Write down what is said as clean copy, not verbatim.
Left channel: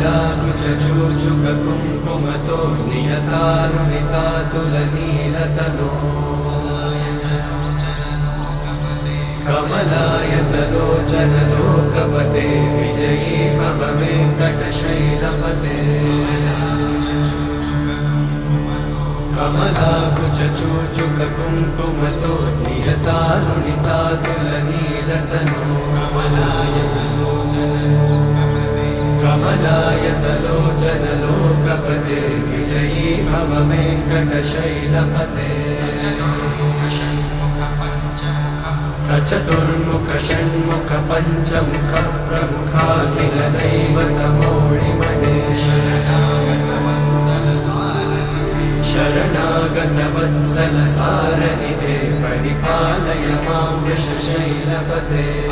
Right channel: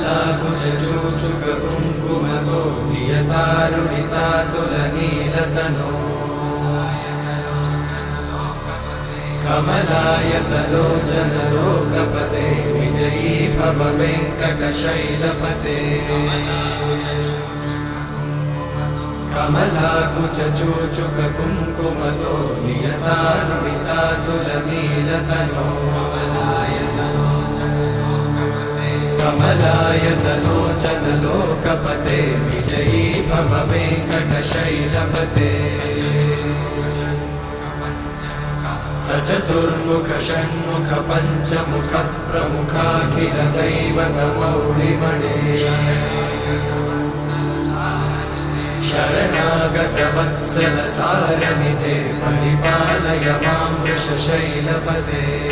कमलाकुचूचुक कुङ्कुमतो नियतानुनितातुलनीलतनो कमलायतलोचन लोकपते विजयी भव वेङ्कटशैलपते कमलाकुचूचुक कुङ्कुमतो नियतानुनितातुलनीलतनो कमलायतलोचन लोकपते विजयी भव वेङ्कटशैलपते सचतुर्मुख षण्मुख पञ्चमुख प्रमुखाखिल दैवतमौळिमणे शरणागत वत्सल सारनिधे परिपालय मां वृषशैलपते।